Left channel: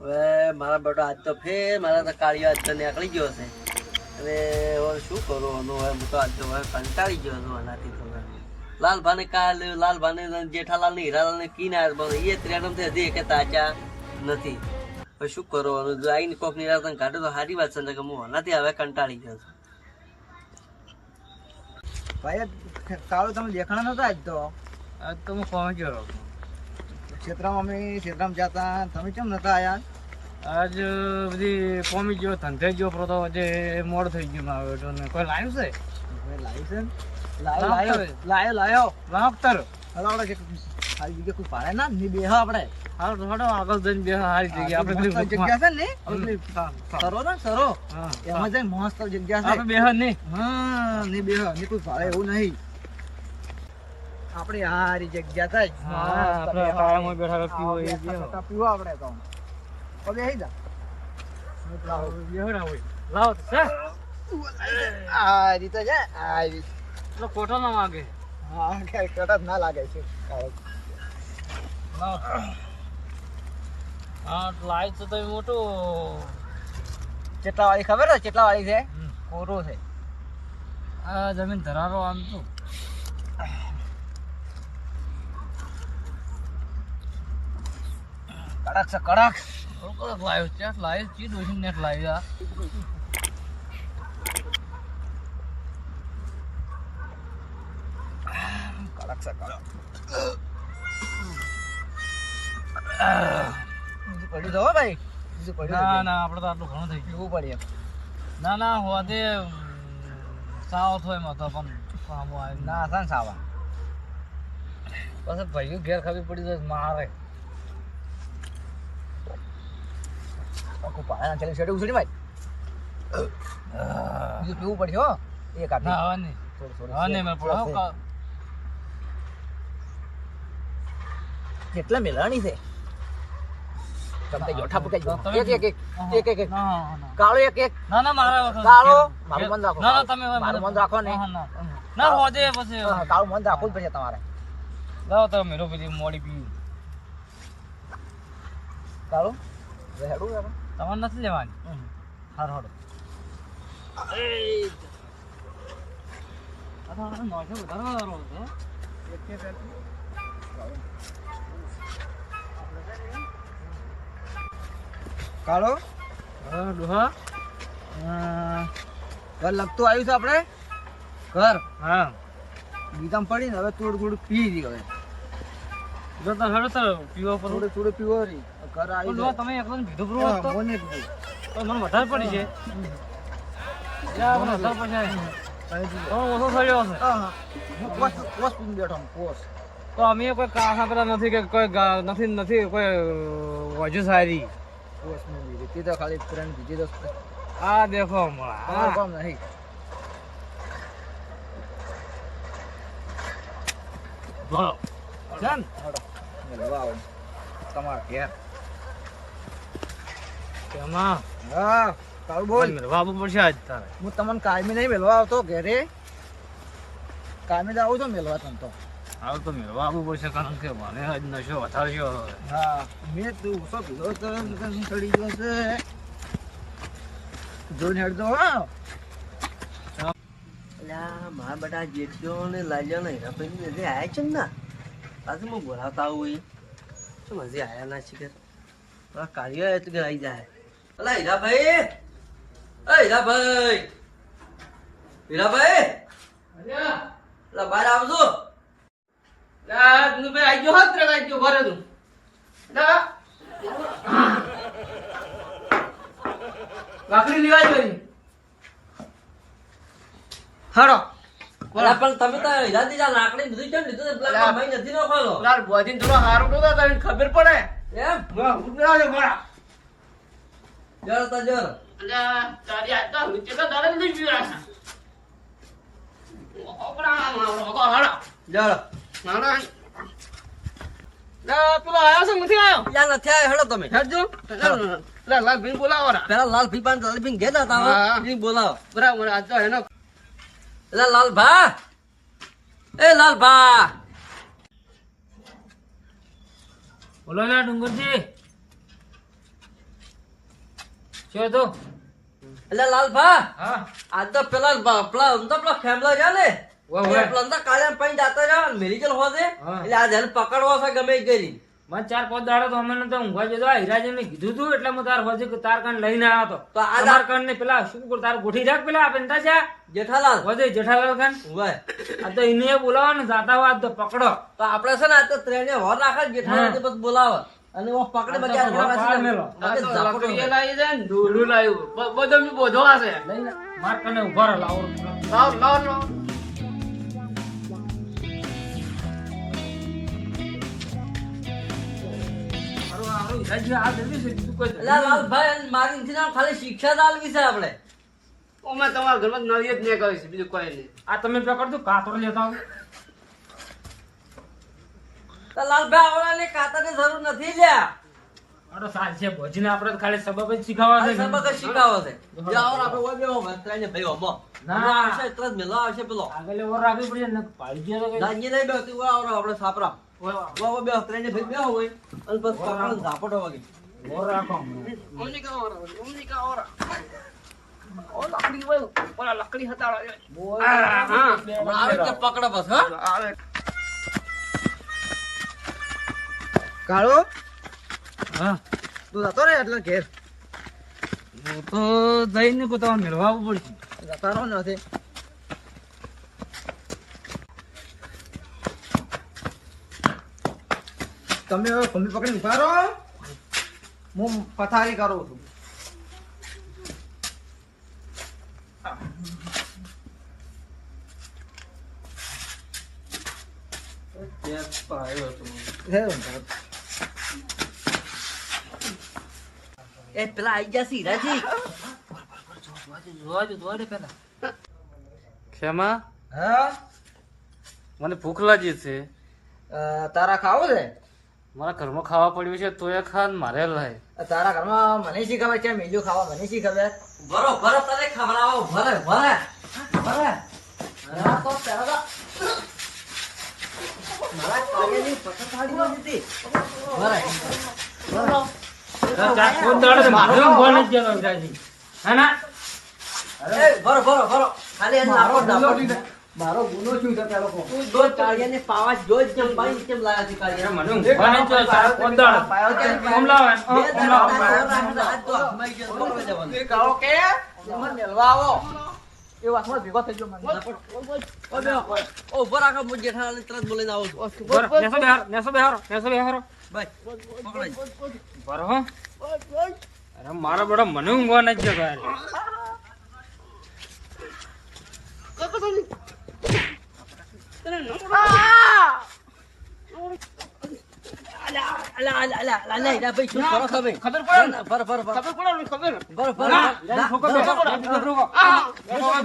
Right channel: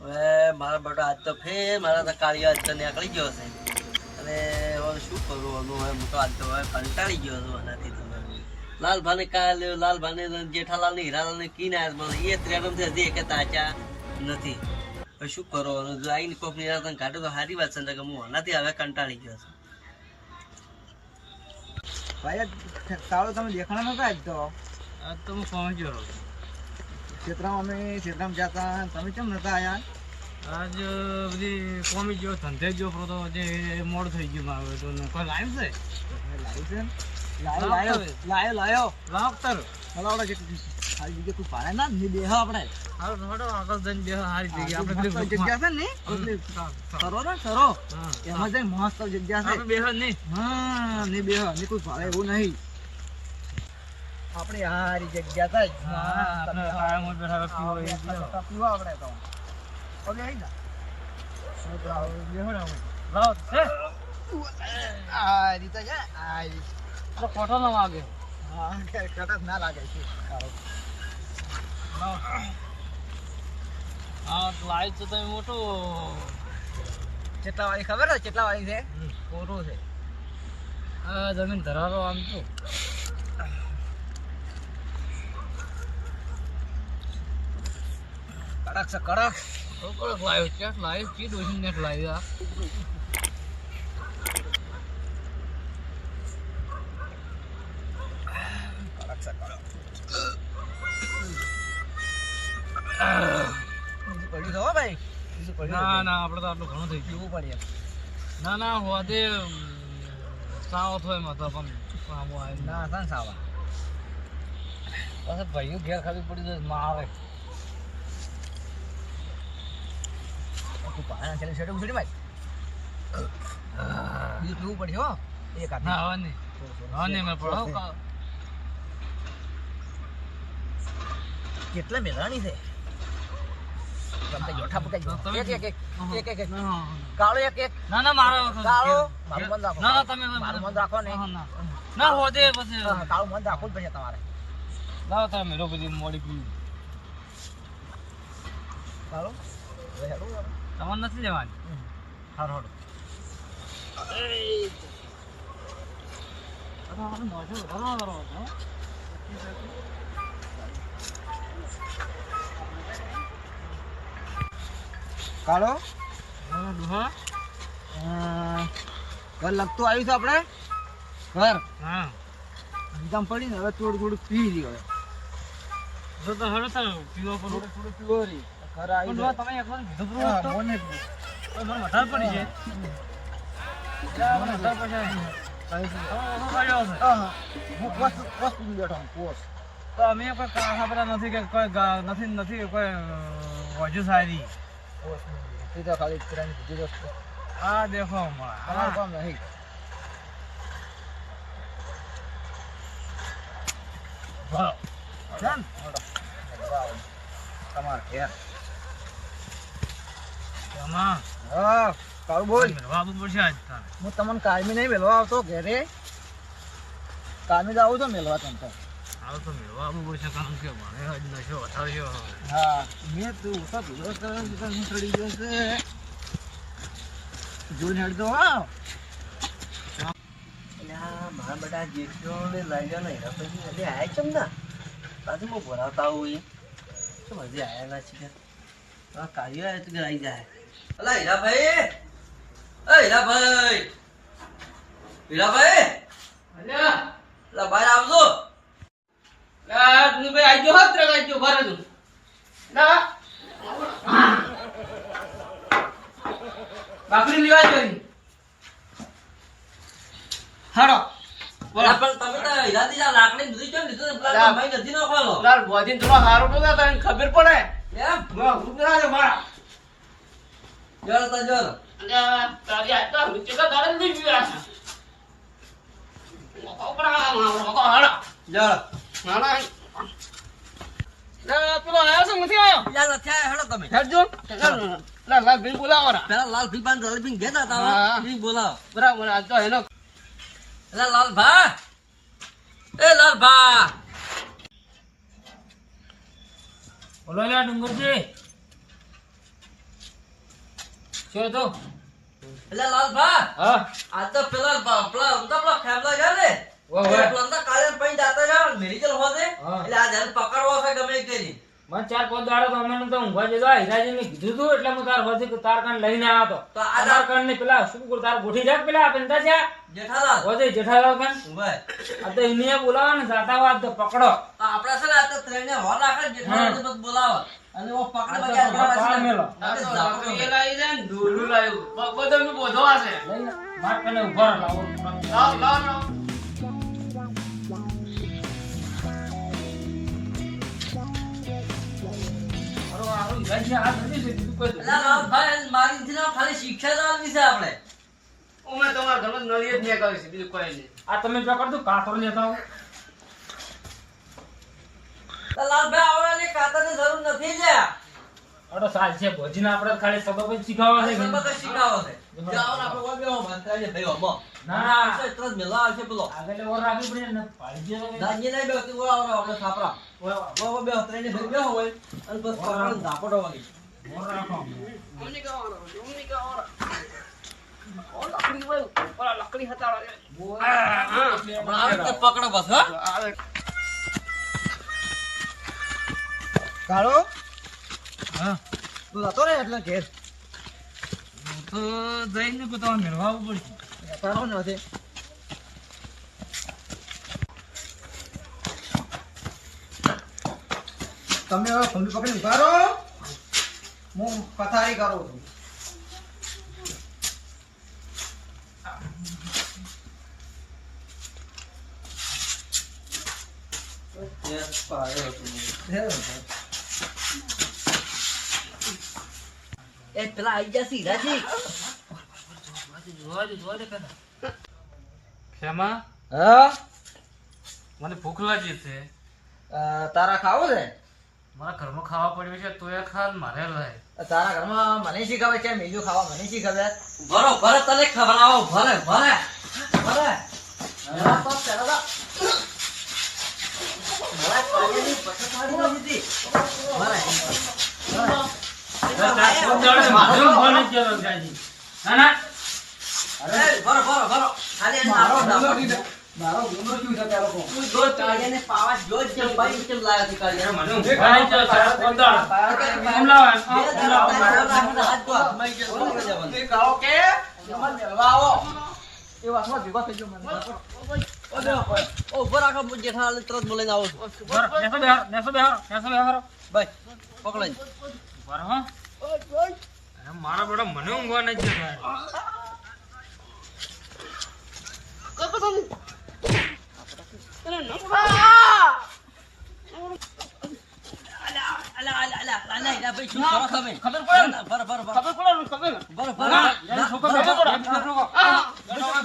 હવે મારા બેટો આજ તો ફેર મારા તો કાળિયો આજ તો નીકળી ગયો છે અને હવે શું કરું હવે હું તો આજ તો હવે કંટાળી ગયો છું આનાથી તો લાલભાને કાલે લાલભાને જેઠાલાલને હીરાલાલને કી ના એ ત્રેડમથી હજી એક તાચા નથી હવે શું કરો જો આવીને કોક નિરાતન કાઢે તો સારી વાત છે કે હું આનાથી હવે કંટાળી ગયો છું. ભાઈ કાળો તમે દેખાણા નતા આજ તો હું પહોંચ્યો ક્ષેત્રમાં અમે ક્ષેત્રમાં જતા તમે કેમ નતા આયા? આજ બધી પહોંચી ગયો ધંધે ગયો તો આજે મોડ થઈ ગયું મારું તો કોઈ લાઈવ છે લાયો તારો હલાવડે છે હારી જગ્યા કોઈ પાડે ના ની બેહ આપણે આગળ જઈને બેહ હારી જગ્યા આપણે જગ્યા છે ને સરો ને સરો એમાં જઈને મસ્ત જગ્યા છે આપણે બેહ નહીં હા ની બેહ ની કોઈ પાડે એવું નહીં આપણે હારી જગ્યા છે આપણે આરામમાં બેઠા પીવો આપણે તો ઓકે હી જા બેહડા હોય લાવ છે આ રીતે છે આ તો કોઠો ના લાગે હા કે કટક ના લાગે છે હા લાઈટ તો તમે મોટું ચેટલા વાળી ખબર છે ચેટલા વાળી છે પૂરું છે આ જમીન ધરારો આમ તો કડક છે કડક કડક લાવ્યો છે લાઈવ ચી દોશી નેટ લાવ્યા ના ના આપડે તો આટલું ઘણું થઈ ગયું પડે ના ના હોદે સાવ થોય માં તો પણ કામ આવે ના હતા ને સાવા પછી ભાઈઓ ઘેર ખાવી પડી જાય મારે પાયા છેલ્લે છેડે ઉછળી માય બીજું પીવું પડશે હો એક આ ના હવે નહીં મેં પડો કેટલા મેલાણી છે તમે જોઠા પુકે એક કાળો એક ના ના મારા વખત કાળો મારું મન રાખો ના ના તમે મારું મન રાખો ને ના હોદે પછી કાળું મન રાખવું પડશે તમારે લાવો તમે મેરો બધી મોડી પીવું કાળું હેડું તમારે નથી લેવાની હાર હડો કાળો ડોહા ઘર લગતું આવ્યું છે આપણે ઘર હા ગીતામ પડીને હવે થોડું થોડું પી દી હવે જો તો હવે તો પીવો પણ થોડું થોડું પીવો રી ઘર આવી જાય તમે એકલો ભીધો પ્રો હતો મને તો મને વધારે પડી છે તો અમે કોઈ કાહા પર નથી કે કોઈ નથી કોઈ વજુ સારી પોસ્ટ ની તે તો ખાલી ત્રણ બીજી દોસ્ત આ દેખો તમારું કામ નહીં વાહ જાન હડો લગાવો તમાર ઘેર કેમાં હા કાળ બોલ મેળવા પડશે આજ તારે હું તમને કાયમી નહીં મેળવા આવતો ઘરે કાયમી જ આવું તો મેળવા તને તો આવું તો મેળવા આવવું પડશે કારણ કે મને આજ નશો વધાર્યો હા મેં તું તો પીલો ચડી ગયો છે જોઈને હેડ દો હા મારા બધા જેઠીઓ ને લાલ્યો ને હીરા પછી હજી આયા કેમ ના પાછું હું બોલાવતા આવું એ શું હજી આયા ના શીખે કાઢ્યો આવે તો આવી જાય અલા હીરાભાઈ હીરાભાઈ અલા બહાર આવજો ભાઈ આઈ ગયો હોત રે આઈ ગયો ઘરે તું લાકડી લેવા જઈ હાડો પણ તમે તો હીરાથી જા લાકડી બધું કેમ લીધું પેલા ભાઈ નથી નો ખોલો લાલ બોજીન થોડો હારો તો તને ખબર પડે એમ ઉતરા છે મારા જોર તો જોર તારી આ તો રૂચે તો તારે નહીં પીવા ઓપરા મારો હાડો જોર નાના લે તું આયા છે નથી આયો યાર નથી આયો હેડો તમે હેડજો લાલ ભાઈ બોલાવો રા પેલા લાલ ભી પાન લાલ ભી ગેતા તા ઈ બોલાવો બરાબર આ તો એનો એટલે લાલ ભા એ લાલ ભા બોલો ના ડુંગરજી શું તો એટલે લાલભા હા આ તો પેલા ખેમલા છે ને પેલા અંદર કાળિયા પૈન જાતો રહ્યો મેરી જલ હોજે હા. એટલે આ જેને પકડવો છે ગમે એ કરી મને 4-5 દાડા તો અમે તો ઊંઘવા જતો હીરાજી મેં કીધું તું એટલે હું તાર હોજે કે તાર કાન લઈને આવ્યો તો તો આ તમાર કાન ને પેલા શું કરું તાર ગોઠી રાખ પેલા પેંતા છે જેઠાલાલ હોજે જેઠાલાલ કાન ઉભા. આ તો એને બોલાવો ને જાતા હોય આજ તો પકડો તો આપણે છે ને આ તો ત્રણે હોર રાખે ને જેઠાલાલ તો બસ બોલાવે અને ઓ પકડે આ તો બધા પકડા પાડ મેલો. લઈને માર કને ઉભા રહો લાવો હારું હારું હીરાજી આ જલ્દી છે તું કહી દે એટલે લાલભાઈ મારી થી ના ખાલી શિક્ષા જ આલવી છે આપણે આ તમે પકડ દો કાતર લેતા આવો તો લાલભાઈ આવો ને કાતરની જરૂર નથી લ્યા અરે સાલ છે ભોજીને આપણે તો ખાલી સબબ જ શીખવા છે સબક જ શીખાવે છે જાઓ આપણે ઓય બેહો માત્રાને ભાઈ ઓમો ના આવશે ત્રણ મેલા આવશે પેલો આગળ ઓર રાખવી પડે ને પાડી દે દાંજી નહીં બેહતી ઓય આવડે આપણે સાપરા ઓય બેહો ત્રણે ભાઈ બેહો હોય અને બસ પકડો ઝાપટો વાગી ઓર રાખો હમણાં આવે એટલે પકડો બસ હા કાળો હા તું જતો રે એટલે ઘેર તો જઈને પોતા મેળવા પડશે જતા રહો નથી તમે હવે ખંભી પકડીને ઉભા રહો હું પથારી કરું છું એ પેલા આઈ ગયા હીરાજી ખેમા હા મને ભૂખ લાગી છે તારા ખાવું છે મારા ઘરમાં ખાવા પડ્યું છે તોય ખાન મારે લાય તારા ઘરમાં મને શી ખબર છે બીજું ખાવા મને શી ખબર ભરો ભરો તને ખવડાવો ભરે ભરે ભરે આ તો પેલા મારા કાળિયાની પસંદ આવી નથી ભરે અરે ભરો ભરો ભરો ખાલી એને મારો નાખો ગુનો નાખો. મારો ગુનો શું છે ત્યાં લોકો તું દો કાળિયાને પાવા જો જ કેમ પાઈ કેમ લાયા છે કાળિયા મને ઊંઘ આવે છે, તારા કોંદાળ. કેમ લાવે? બે દાડા તારી ઓર રાખીને હાથ તો હાથમાં આવી ગયો. બોલવા જવાનું. કહો કે મને મેળવા આવો એ વાતમાં ભેગો થઈ ગયો મને ઓ બેહો. ઓ ઉભો રાખો હું જેઠાલાલને તરત બોલાઈને આવું છું બરો, નેસો બેહારો. ભાઈ પકડાઈ બરો, હો. અરે મારા બેટા મને ઊંઘવા નથી જતો યાર. અલા ભાઈ શું કરો તમે ખબર પડે ને? ભર ભર ભર ખબર પડે ને? ખબર. ભર ભર ના, યાર, છોકરો બેઠો પડે.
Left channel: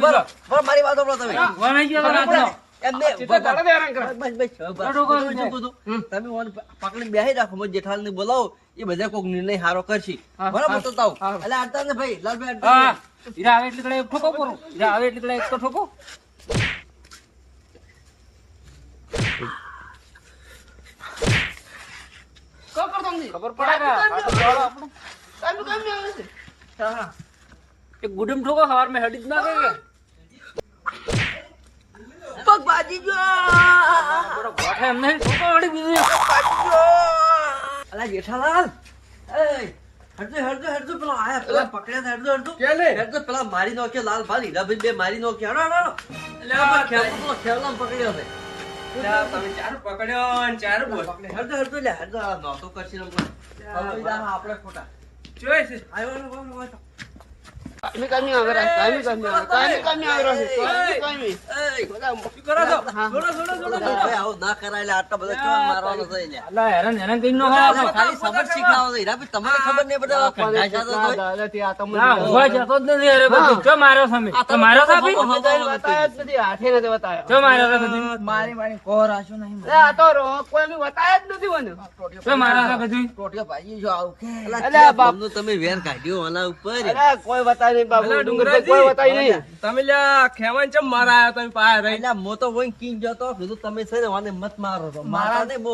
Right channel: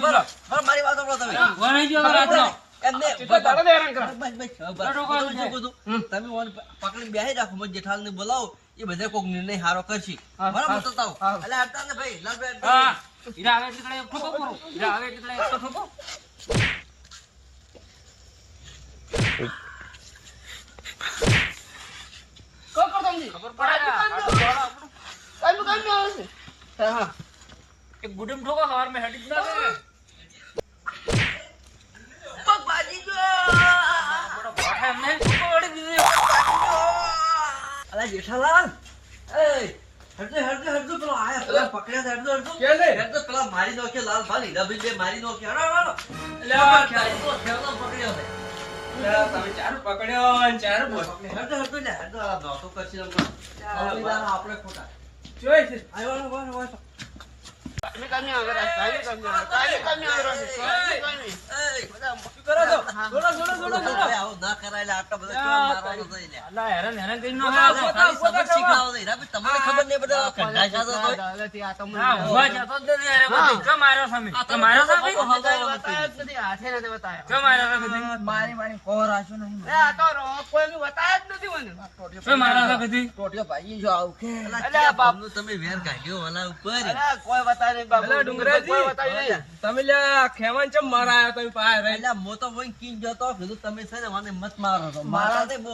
ભર ભર મારી વાત સાંભળો તમે ઊંઘવા નહીં જતો ખબર રાતનો. પડે? એમ નહીં. તો દાડો દે હેરાન કરે. બસ, બસ. બેઠો કરો બીજું બધું. તમે ઓને પકડીને બેસી રાખો હું જેઠાલાલને બોલાવો એ બધા કોઈક નિર્ણય સારો કરશે બરાબર તો તાવ એટલે અડતા ને ભાઈ લાલભાઈ અડતા હા. હીરા આવે એટલે કડે એક ઠોકો પૂરો. હીરા આવે એટલે કડે એક તો ઠોકો. ખબર પડે ને? હા. એક ગુડમ ઠોકો સવાર મેં હડી જ ના ગઈ. પગ બાજી ગયો. બરો, ગોઠે એમ નહીં, ઠોકો હડી દીધી. અલા જેઠાલાલ એ હરજો પેલો આયા પેલા પકડ્યા છે હરજો પેલા મારી નોખ્યા લાલભાઈ હીરાભાઈ બે મારી નોખ્યા હડો ખેલામ પકડ્યો છે હરજો લે હરજો આ નોતો કરશી રમ આપણે ખોટા આવ્યો ના કરાય આટલા બધા મારવાનો છે લ્યા. અલા, હેરાન હેરાન કરીને નો આ ખાવા. ખાલી સબક શીખવાડો છે. હીરાભાઈ તમને ખબર નહીં પડે કંટાઈ જતો તોય. ના, ઊંઘવા જતો જ નથી અરે બધી. ચો માર્યો સામે. આ ચો માર્યો તો સામે. હવાનો નથી. ચો માર્યો તો કદી. મારી મારી કોર આશું નહીં મને. ચો માર્યો તો કદી. ટોટિયો ભાઈ જો આવું કે અલા, ક્યાં ગામનું તમે વેર કાઢ્યો આના ઉપર તમે લ્યા ખેવાન ચમ મારા તમે પાય એટલે મો તો કોઈ કી જતો કીધું તમે છે ને મને મત મારો તો મારા ને બહુ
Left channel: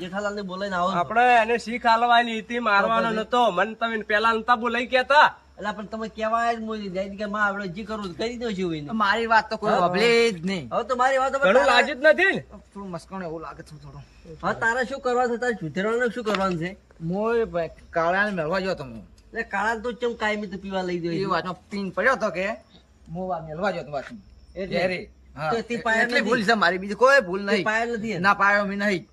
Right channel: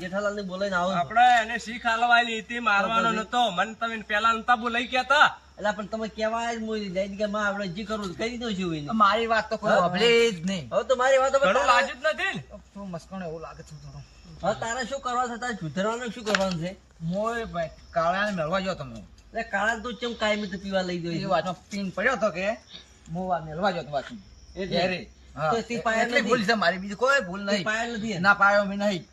જેઠાલાલ ને બોલાઈને આવો છો. આપણે એને શીખ આલવાની હતી મારવાનો નતો મને તમે પેલા નતા બોલાઈ ગયા તા એટલે પણ તમે કહેવાય જ મોદી જાય કે માં આપણે જે કરવું કરી દો છું એને. મારી વાત તો કોઈ સાંભળે જ નહીં. હવે તો મારી વાત ઘણું લાજ્યું જ નથી ને? થોડું મસ્કાણું એવું લાગે છે થોડું. હવે તારે શું કરવાનું છે? તારે સુધરવાનું શું કરવાનું છે? મોય ભાઈ કાળાને મેળવા ગયો તો હું. એટલે કાળા તો ચમ કાયમી તું પીવા લઈ એ ગયો વાતમાં પીન પડ્યો તો કે હું વાત મેળવા ગયો તો વાતમાં. ઘેરે. હા. તો તે પાયા એટલી નથી. ભૂલ છે મારી, બીજી કોઈ ભૂલ નહીં. પાયા નથી એને. ના પાયો મેં નહીં.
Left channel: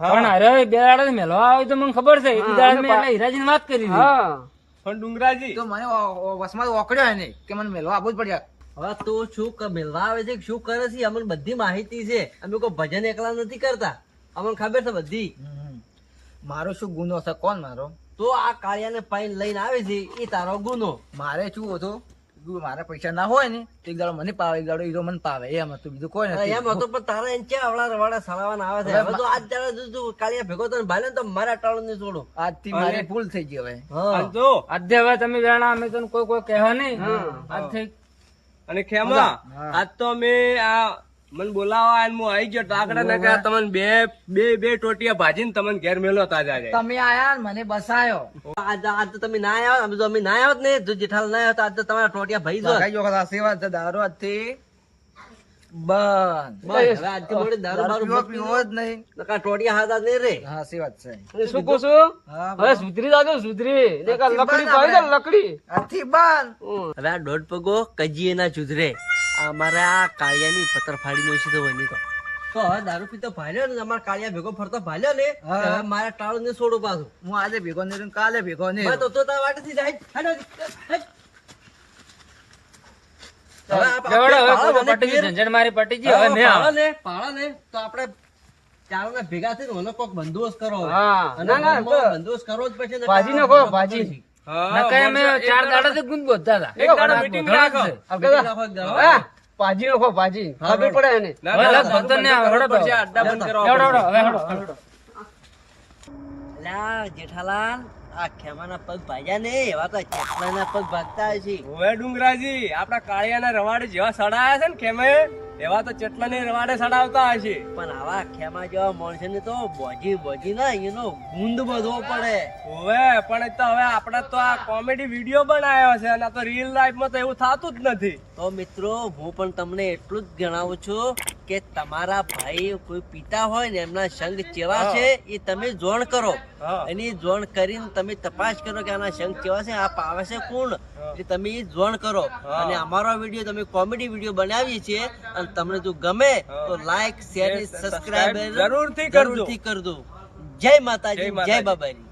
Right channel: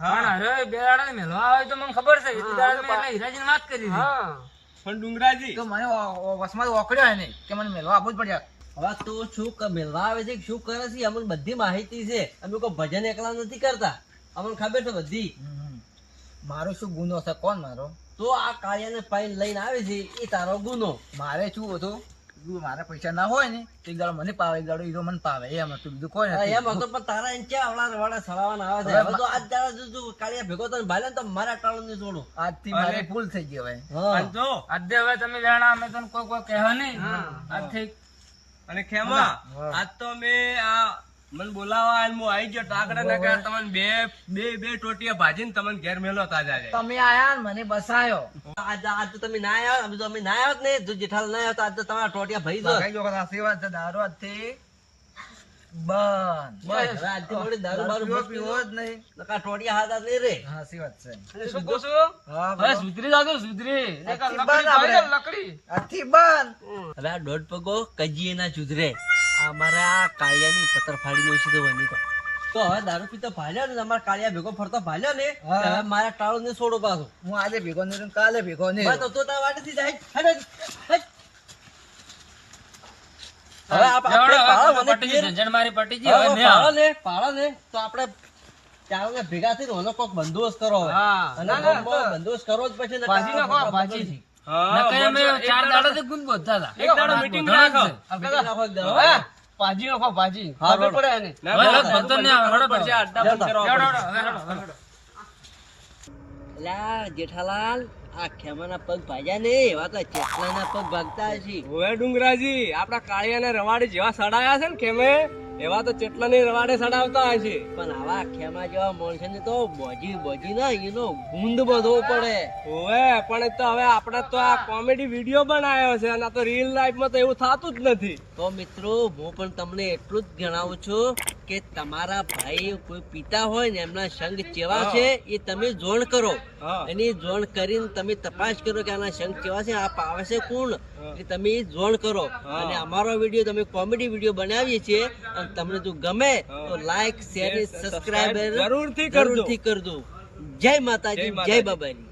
પણ અરે બે દાડે મેલવા આવે તો મને ખબર છે એટલી દાડે મેં એના હીરાજીની વાત કરી હતી. પણ ડુંગરાજી તો મને વસમાં ઓકળ્યો એને કે મને મેળવા આપવું જ પડ્યા. હવે તો શું મેળવા આવે છે શું કરે છે અમને બધી માહિતી છે. અમે કોઈ ભજન એકલા નથી કરતા, અમને ખબર છે બધી. મારો શું ગુનો છે? કોણ મારો? તો આ કાળિયાને પાઈને લઈને આવે છે એ તારો ગુનો. મારે શું હતું? મારા પૈસા ના હોય ને તો એક દાડો મને પાવે, એક દાડો હીરો મને પાવે, એમ હતું, બીજું કોઈ નથી. એમ હતો પણ તારા એને ક્યાં આવડા રવાડા સડાવવાના આવે છે. હવે તો આજ દાડા જો કાળિયા ભેગો તો ભાલે તો મારા ટાળું નહીં છોડું. આજથી મારી ભૂલ થઈ ગઈ હવે. અને જો આજે હવે તમે જાણા અમે તને કોઈ કહેવા નહીં. આજથી અને ખેમા આજ તો અમે આ મને બોલાવા અને હું આવી ગયો ટાકડા ને કે તમને બે ટોટિયા ભાજીને તમને ઘેર મેલો તાજા જાય. તમે આયા ને મને બસાયો. આજ તો તમે ના આવ્યા, અમે તો અમે ના આવ્યા જ ને. જો જેઠાલાલ ના આવ્યો તો આજ તો તમારા ટોટિયા ભાઈ જો. લગાઈ ગયો આશીર્વાદ છે. દારૂ આજથી બંધ. બસ હવે આજથી મોડી દારૂ બારૂ પીવો મત પીવો જ નહીં. નકા ટોટિયા હાથ નહીં રે. હા આશીર્વાદ છે. શું કહું છું? હા હવે સુધરી જાજો સુધરી. દેખ આ આજથી લકડી બંધ પાડી દે, આપણે. લકડી. આજથી બંધ. હવે આ દોઢ પગો કજીએ ના સુધરે. અમારા આ કાળિયાની પથ્થર ફાડી નો તો બની તો હવે દારૂ પીતો ભાલ્યો ને અમારા કાળિયા ભેગો ફરતો ભાલ્યો ને હા. હવે મારા ટાળું ને છોડું પાછું. હું આજે ભેગો નહીં રહ્યો, કાલે ભેગો નહીં બસ રહ્યો. તો તારા વાટેથી જાય. હેડ, હેડ. હવે આ એવડો હવે પાળો કોઈ મને પટી ગઈ, પીર. ઝંઝટ મારી પટી ગઈ, હવે હવે નહીં આવે. પાળો ને તો આપણે ચાલો ને ભેગા થઈને ઓનો કોક બંદોબસ્ત કરો હવે. હા. અને ના, ના, ગામમાં બંદોબસ્ત કરવો જ પડશે નકર ભાજી આ નાખો, બધા ભાજી. પકડશે. નકર અમે એક 4 દાડાથી ગુંદ બોલતા હતા. એક દાડો meeting રાખો. આ ભેગા રાખો એક દાડો. હા, ભાજી નાખો, ભાજી. હા, ખબર પડે એને. ના, હવે ના, ધંધો બધું નહીં આવે, કરવું હેડો પડશે, તો. અડ્ડા બંધ કરવા હેડો, પડશે. હેડો, હેડો, હેડો. લા જેઠાલાલ આ ખેમાના પગ ભાગ્યા ને એવા તો ચેટલાના પગ ભાગતા હશે. ઓય ડુંગરાજી આપડા કાળિયાના રવાડે જેવા સડાયા છે ને ખેમે એવા તો ચેટલાની રવાડે સડાવતા હશે. પણ આવા ખેમા જેવા માણસોની તો બોજી ના એનો ગુંદ બધો પડે. ઓવે પણ એ તો હવે આપણે તો આ કોમેડી વિડીયો બનાવ્યો છે અને આ તો રિયલ લાઈફમાં તો એવું થતું જ નથી. તો મિત્રો હું પણ તમને એટલું જ જણાવું છું કે તમારા ભાઈ કોઈ પિતા હોય ને એમના સંગ કેવા છે એ તમે જોણ કરો. હા. એની જોણ કરીને તમે તપાસ કરો કે આના સંગ કેવા છે, આ પાવે છે કોણ, એ તમે ઈ જોણ કરો. અને અમારો વિડીયો તમે કોમેડી વિડીયો બનાવીએ છીએ અને તમને જો ગમે તો લાઈક શેર સબસ્ક્રાઇબ જરૂરથી કરજો. જરૂરથી કરજો. જય માતાજી, જય બાબાજી.